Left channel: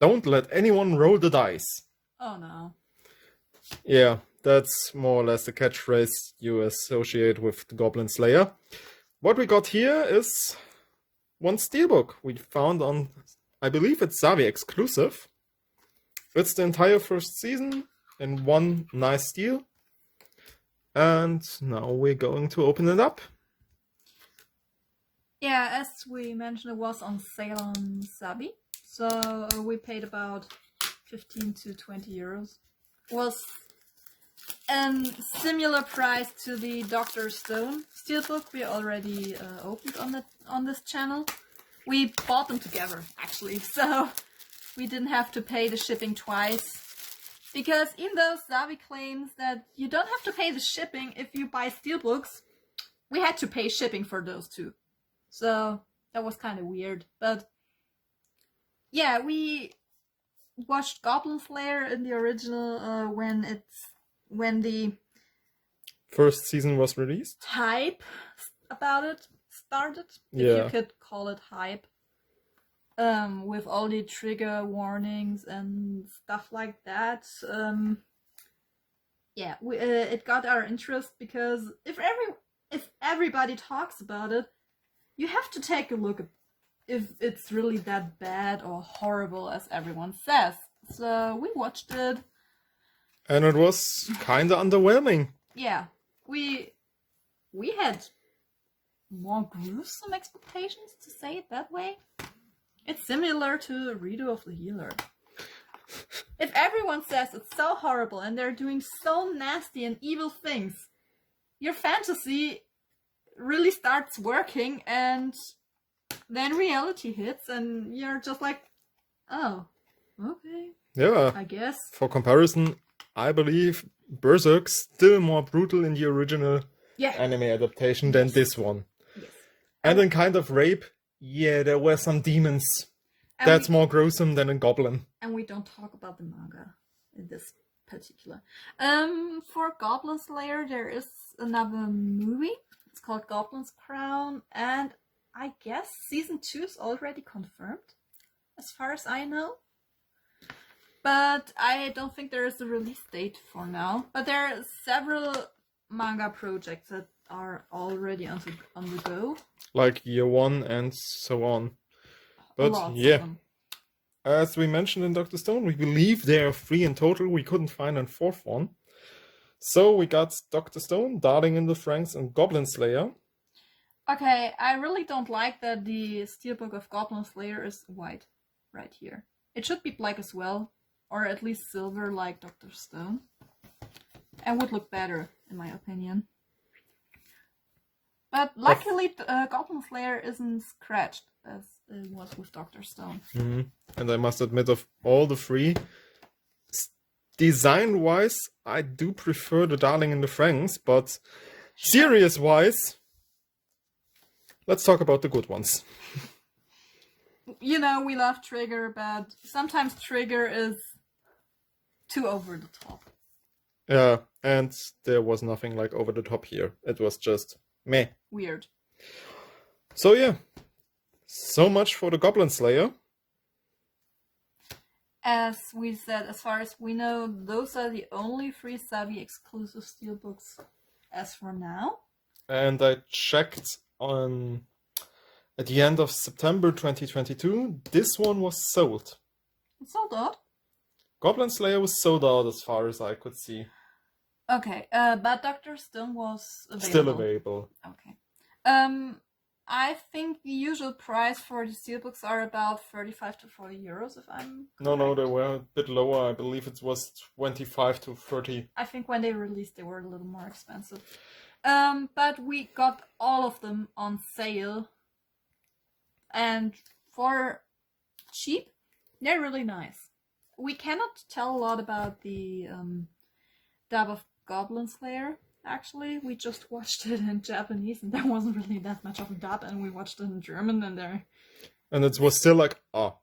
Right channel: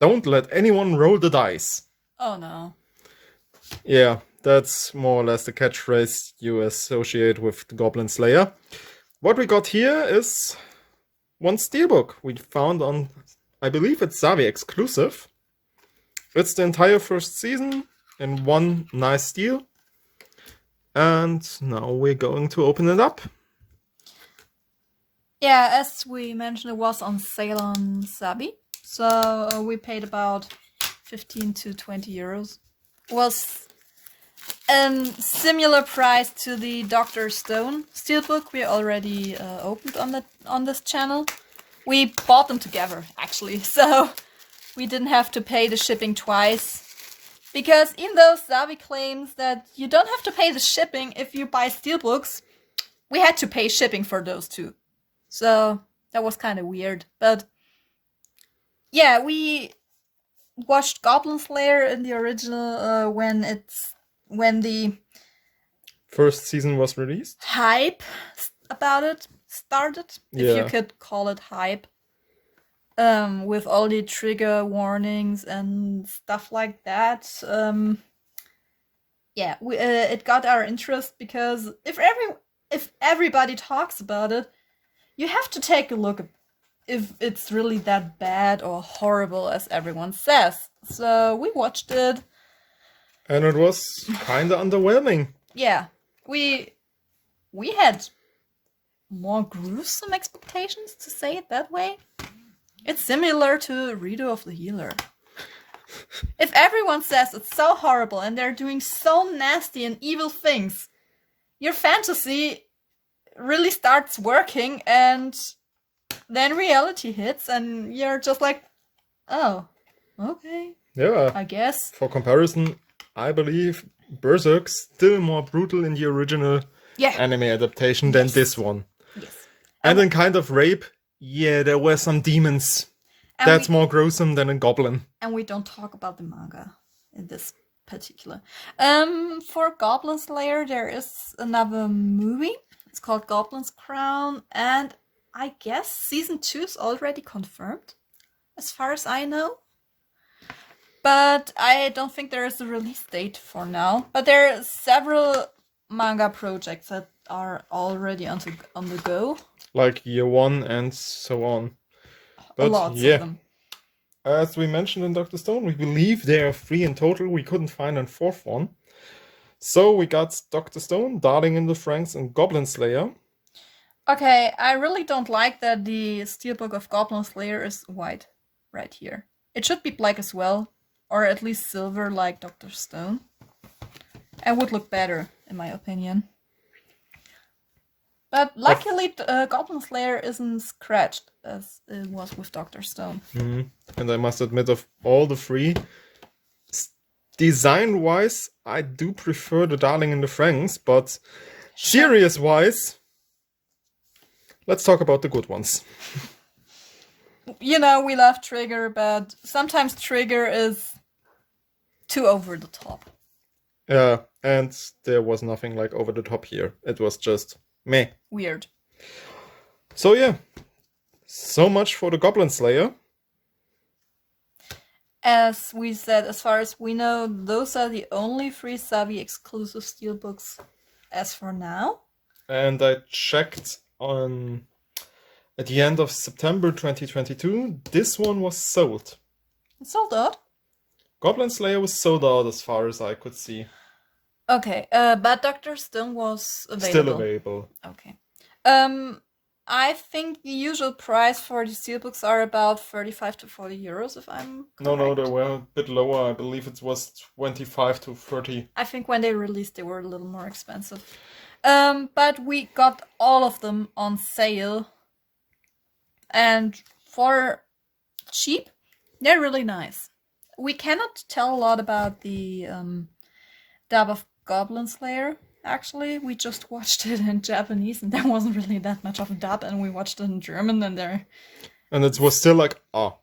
Don't let anyone roll the dice. Oh no. Yeah, that's more or less the catchphrase you associate with the Goblin Slayer. What we got here is one steelbook we found on, I believe it's Zavvi exclusiv. It's the entire first season in one nice steel. And now we're going to open it up. Yeah, as we mentioned, it was on sale on Zavvi. So we paid about 15 to 20 euros. Was a similar price to the Dr. Stone steelbook we already opened on this channel. We bought them together, actually, so we didn't have to pay the shipping twice. Because even though Zavvi claims that you don't have to pay the shipping if you buy steelbooks, we had to pay shipping for those too. So that was kind of weird. But yeah, we watched Goblin Slayer in the original when the First season was released. hype about it started, Yeah. if you could call it hype. With all the trigger warnings and stuff like that. Yeah, it got our interest because if everybody talks about it, you have to take a look at if it's really that bad or horrible as everyone says. So we watched it. And it was kind of underwhelming. Yeah, we had more gruesome expectations, to say it that way. It's similar to Redo of the Healer. If everyone says it's so horrible and they're doing so nasty and evil things, your fantasy really starts working, and then reality hits and you're just like, oh, okay. Yeah. I guess. For comparison, I believe Berserk's still more brutal in the original anime adaptation than this one. Yes. And in kind of rape, yeah, there were some demons. And that's more gruesome than a goblin. And we don't talk about the manga in this particular. For Goblin Slayer, there is another movie. It's called Goblin's Crown, and I guess season 2 is already confirmed, as far as I know. But I don't think there is a release date for now. But there are several manga projects that are already on the go. Like Year One and so on. But Lots yeah, of them. As we mentioned in Dr. Stone, we believe there are 3 in total. We couldn't find a 4th one. So we got Dr. Stone, Darling in the Franxx, and Goblin Slayer. Okay, I really don't like that the Steelbook of Goblin Slayer is white right here. It should be black as well, or at least silver like Dr. Stone. And would look better, in my opinion. But luckily, Goblin Slayer isn't scratched as it was with Dr. Stone. Mm-hmm. And I must admit, of all the 3, design-wise, I do prefer the Darling in the Franxx, but series-wise, let's talk about the good ones. You know, we love Trigger, but sometimes Trigger is too over the top. Yeah, and there was nothing like over the top here. It was just meh. Weird. So yeah, so much for the Goblin Slayer. As we said, as far as we know, those are the only 3 Zavvi exclusive steelbooks as for now. And I checked at the end of September 2022, this one was sold. It's sold out? Goblin Slayer was sold out as far as I could see. Okay, but Dr. Stone was available. Still available. Okay. I think the usual price for the steelbooks are about 35 to 40 euros, if I'm correct. No, they were a bit lower. I believe it was 25 to 30. I think when they released, they were a little more expensive. But we got all of them on sale. And for cheap, they're really nice. We cannot tell a lot about the dub of Goblin Slayer. Actually, we just watched it in Japanese, and there wasn't really that much of a dub, and we watched it in German, and it was still like,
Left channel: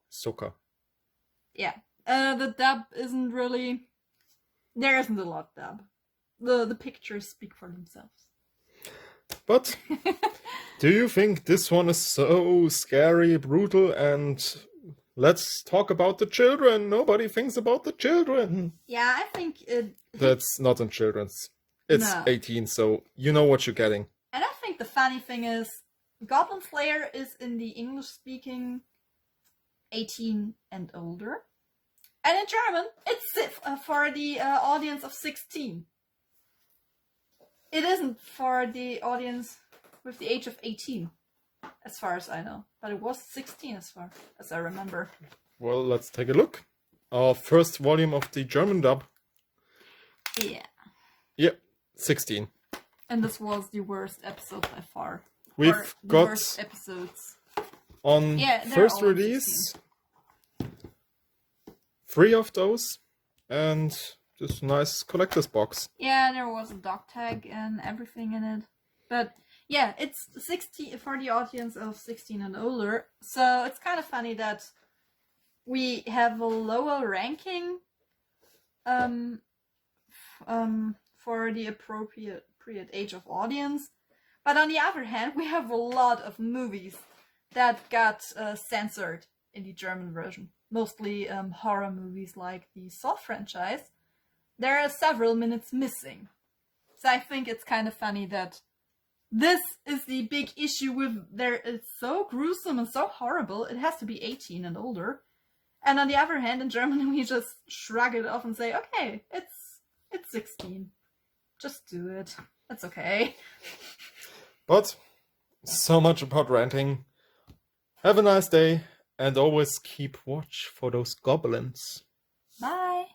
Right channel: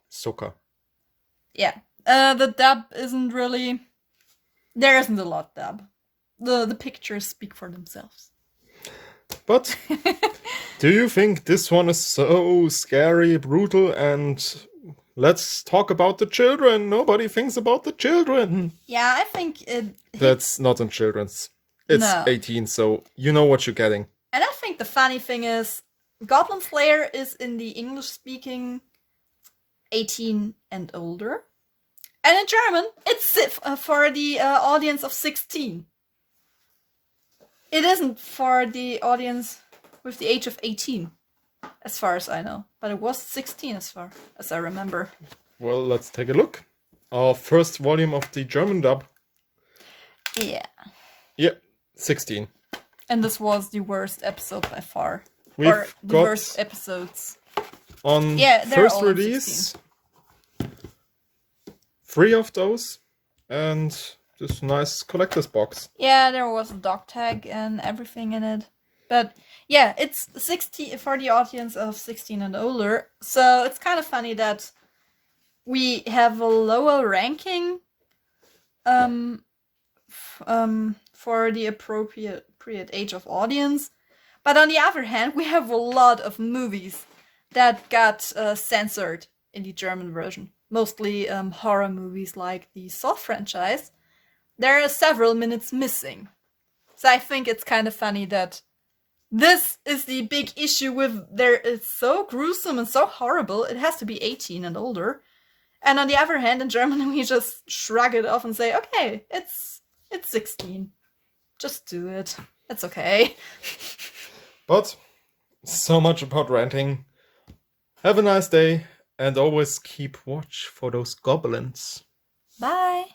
Suka. Yeah. The dub isn't really... There isn't a lot dub. The pictures speak for themselves. But do you think this one is so scary, brutal, and let's talk about the children. Nobody thinks about the children. Yeah, I think it. That's not in children's. It's No. 18, so you know what you're getting. And I think the funny thing is, Goblin Slayer is in the English-speaking 18 and older. And in German, it's for the audience of 16. It isn't for the audience with the age of 18, as far as I know. But it was 16 as far as I remember. Well, let's take a look. Our first volume of the German dub. Yeah. Yep, 16. And this was the worst episode by far. We've or the got worst episodes. on Yeah, they're first all on release 3 of those and this nice collector's box. Yeah, there was a dog tag and everything in it. But yeah, it's 60 for the audience of 16 and older. So it's kind of funny that we have a lower ranking for the appropriate age of audience. But on the other hand, we have a lot of movies that got censored in the German version. Mostly horror movies like the Saw franchise. There are several minutes missing. So I think it's kind of funny that this is the big issue with it's so gruesome and so horrible, it has to be 18 and older. And on the other hand, in German, we just shrug it off and say, okay, it's 16. Just do it. It's okay. But so much about ranting. Have a nice day and always keep watch for those goblins. Bye.